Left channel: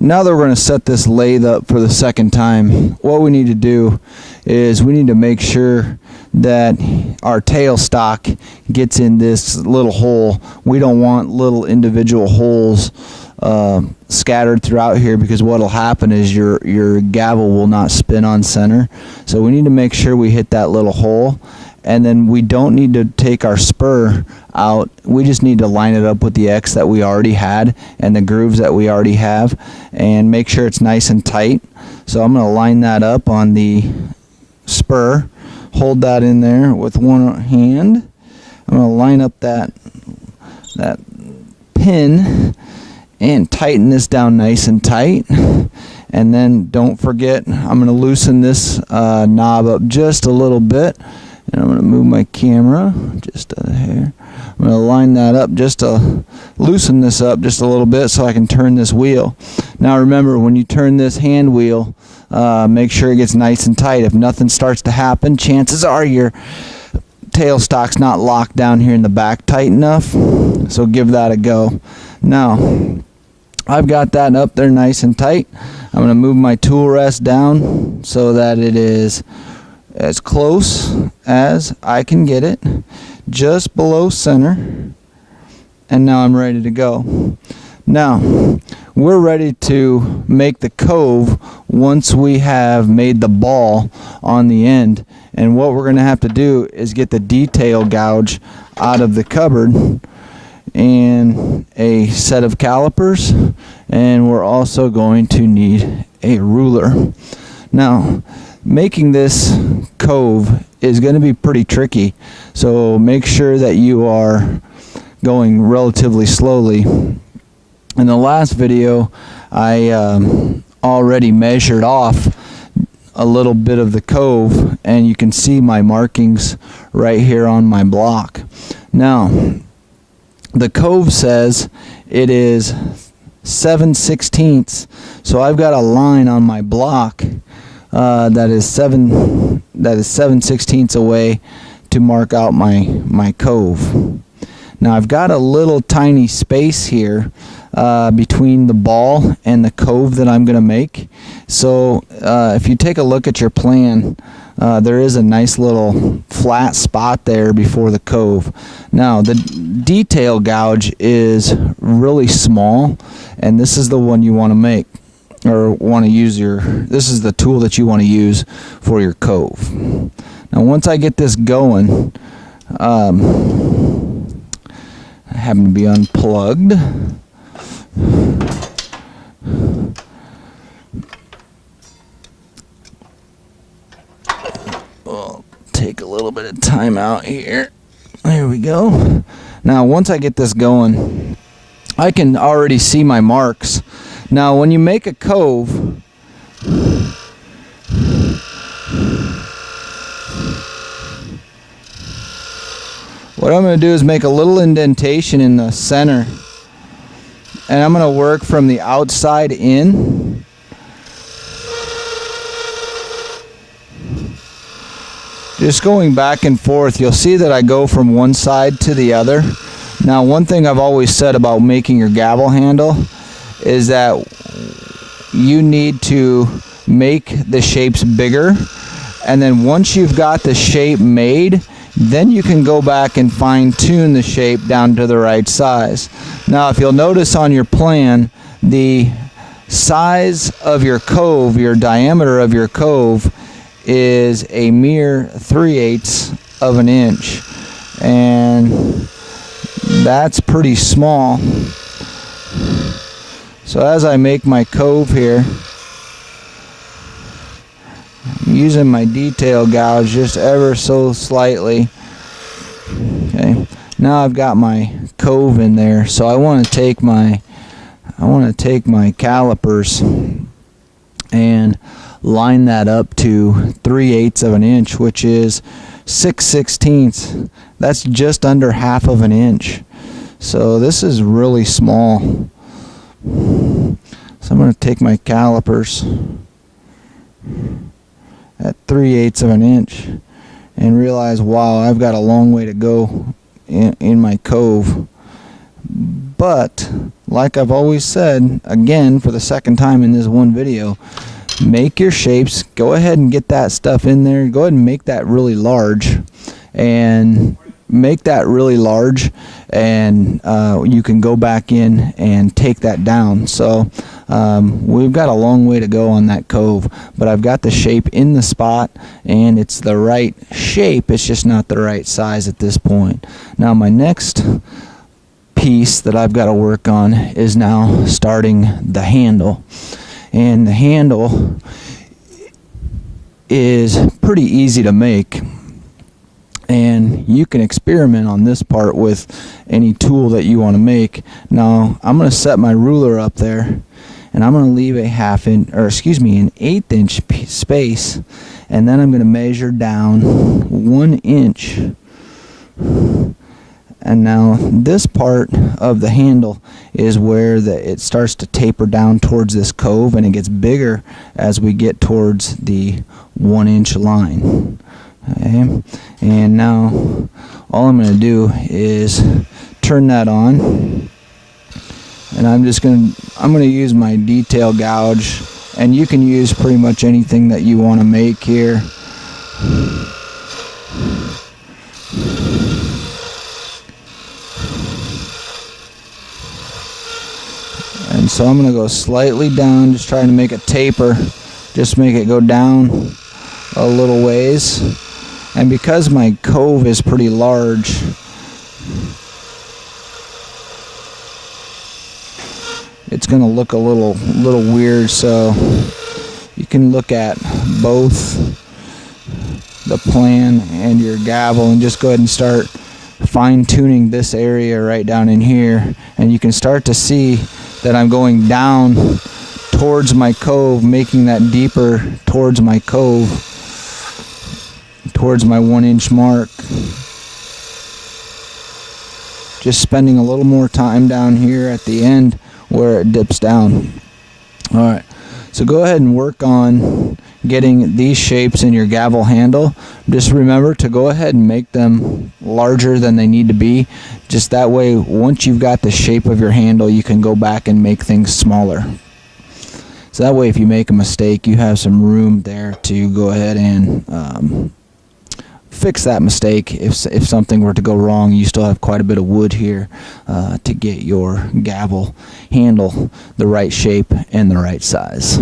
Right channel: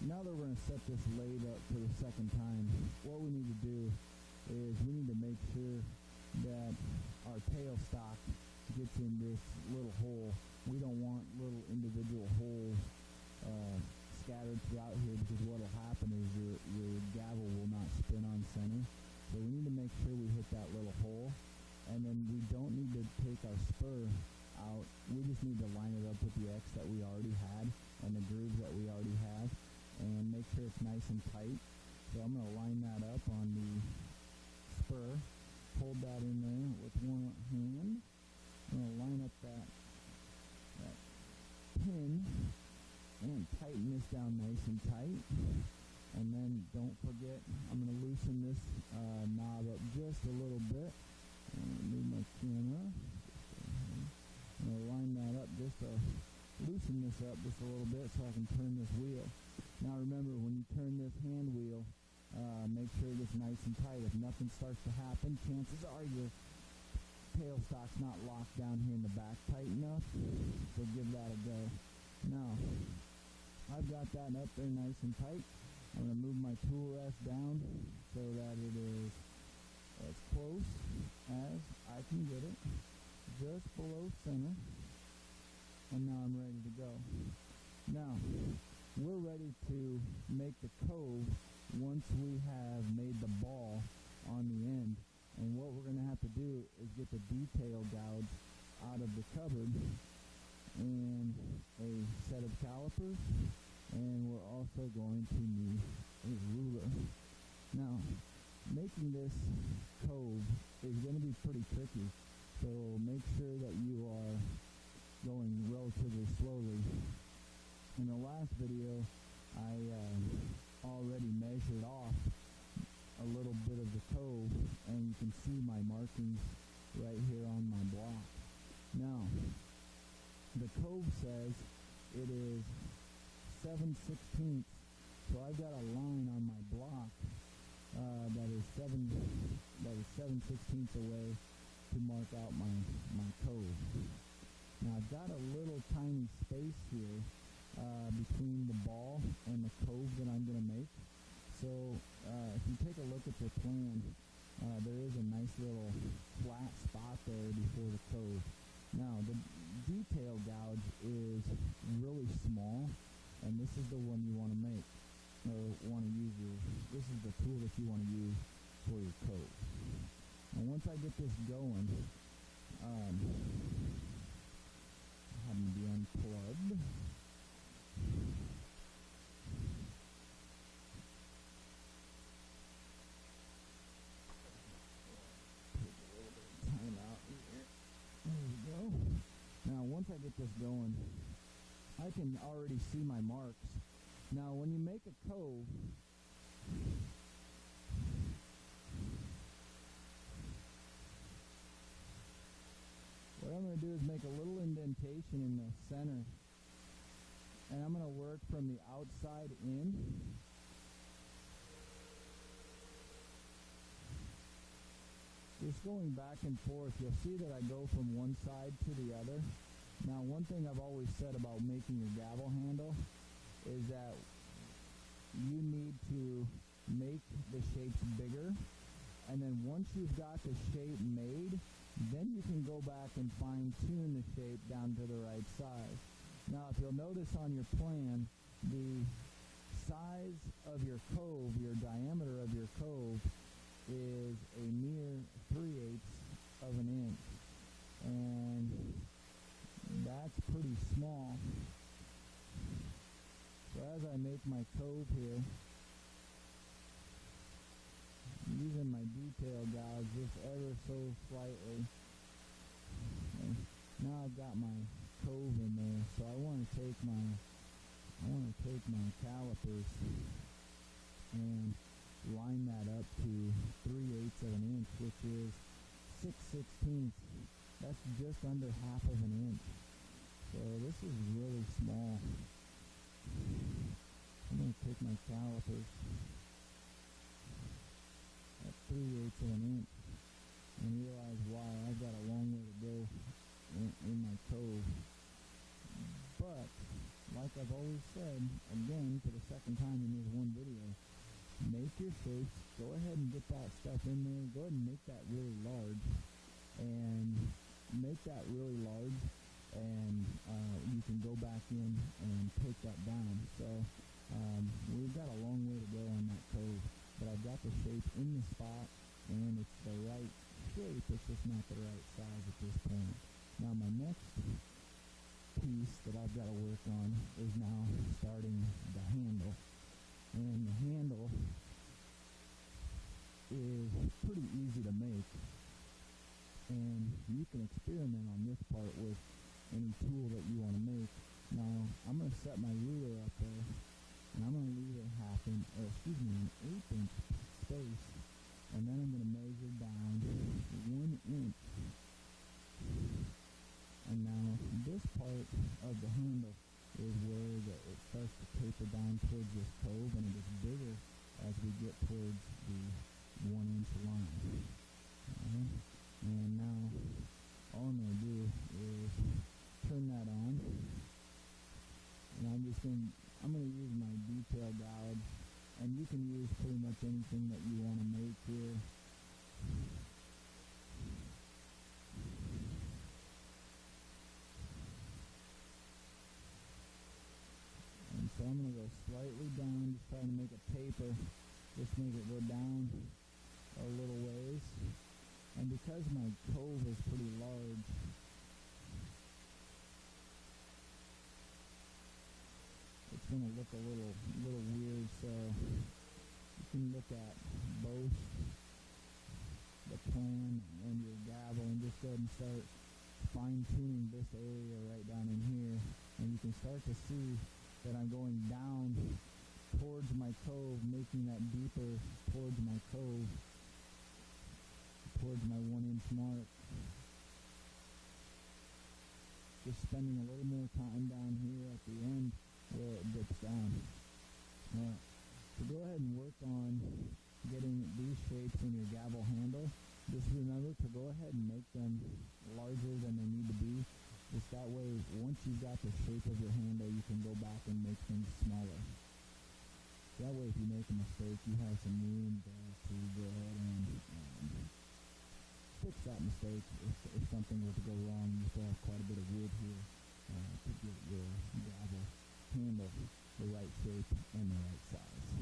Now that we're going to set this lathe up for the second time, what we need to do is we need to make sure that our tailstock gets in this little hole. We don't want little individual holes scattered throughout here, because what will happen is your gavel will not spin on center. So we need to make sure we hit that little hole, and then we don't need to take our spur out. We just need to line it up with the X that we already had and the grooves that we already have, and make sure it's nice and tight. So I'm going to line that up on the spur, hold that in there with one hand. I'm going to line up that pin and tighten this down nice and tight. And then don't forget, I'm going to loosen this knob up just a little bit, and I'm going to move my camera just a hair. I'm going to line that up just to loosen this up just a little bit so I can turn this wheel. Now remember, when you turn this hand wheel, make sure it gets nice and tight. If nothing starts to happen, chances are your tailstock's not locked down here in the back tight enough, so give that a go. Now I've got that up there nice and tight. I'm going to move my tool rest down so that it is as close as I can get it, just below center, and now I'm ready to go. Now we're ready to make the cove once we have made the ball on the end, and what we're going to have to do is get the detail gouge out of the cupboard and a set of calipers, and we're also going to need a ruler. Now making this cove is going to be pretty tricky, so make sure that you are going relatively slowly. In the last video I already measured off a little bit of the cove, and you can see my markings right here on my block. Now the cove says it is 7/16, so I've got a line on my block that is 7/16 away to mark out my cove. Now I've got a little tiny space here between the ball and the cove that I'm going to make. So if you take a look at your plan, there is a nice little flat spot there before the cove. Now the detail gouge is really small, and this is the one you want to make, or want to use this is the tool that you want to use for your cove. Now once I get this going, I happen to be unplugged. We'll take a little bit of time out here. There we go. Now once I get this going, I can already see my marks. Now when you make a cove, what I'm going to do is make a little indentation in the center, and I'm going to work from the outside in. Just going back and forth. You'll see that I go from one side to the other. Now one thing I've always said about making your gavel handle is that you need to make the shapes bigger, and then once you've got the shape made, then you can go back and fine-tune the shape down to the right size. Now if you'll notice on your plan, the size of your cove, your diameter of your cove, is a mere 3/8 of an inch, and that's pretty small. So as I make my cove here, I'm using my detail gouge just ever so slightly. Okay, now I've got my cove in there, so I want to take my calipers and line that up to 3/8 of an inch, which is 6/16. That's just under half of an inch. So this is really small. So I'm going to take my calipers at 3/8 of an inch and realize, wow, I've got a long way to go in my cove. But like I've always said, again for the second time in this one video, make your shapes. Go ahead and get that stuff in there. Go ahead and make that really large, and make that really large, and you can go back in and take that down. So we've got a long way to go on that cove, but I've got the shape in the spot, and it's the right shape. It's just not the right size at this point. Now my next piece that I've got to work on is now starting the handle. And the handle is pretty easy to make, and you can experiment on this part with any tool that you want to make. Now I'm going to set my ruler up there, and I'm going to leave a an 1/8 inch space, and then I'm going to measure down 1 inch. And now this part of the handle is where it starts to taper down towards this cove, and it gets bigger as we get towards the 1 inch line. Okay. And now all I'm going to do is turn that on, and I'm going to use my detail gouge, and you can use pretty much anything that you want to make here. And so I'm going to go slightly down, just trying to make a taper, just make it go down a little ways. And because my cove is pretty large, it's going to look a little weird, so you can look at both the plan and your gavel and just go ahead and start fine-tuning this area right down in here, and you can start to see that I'm going down towards my cove, making that deeper towards my cove, towards my 1 inch mark. Just spending a little more time down here at the end where it dips down. Alright, so go ahead and work on getting these shapes in your gavel handle. Just remember to go ahead and make them larger than they need to be. Just that way, once you've got the shape of your handle, you can go back and make things smaller. So that way, if you make a mistake, you have some room there to go ahead and fix that mistake. If something were to go wrong, you still have quite a bit of wood here to get your gavel handle the right shape and the right size.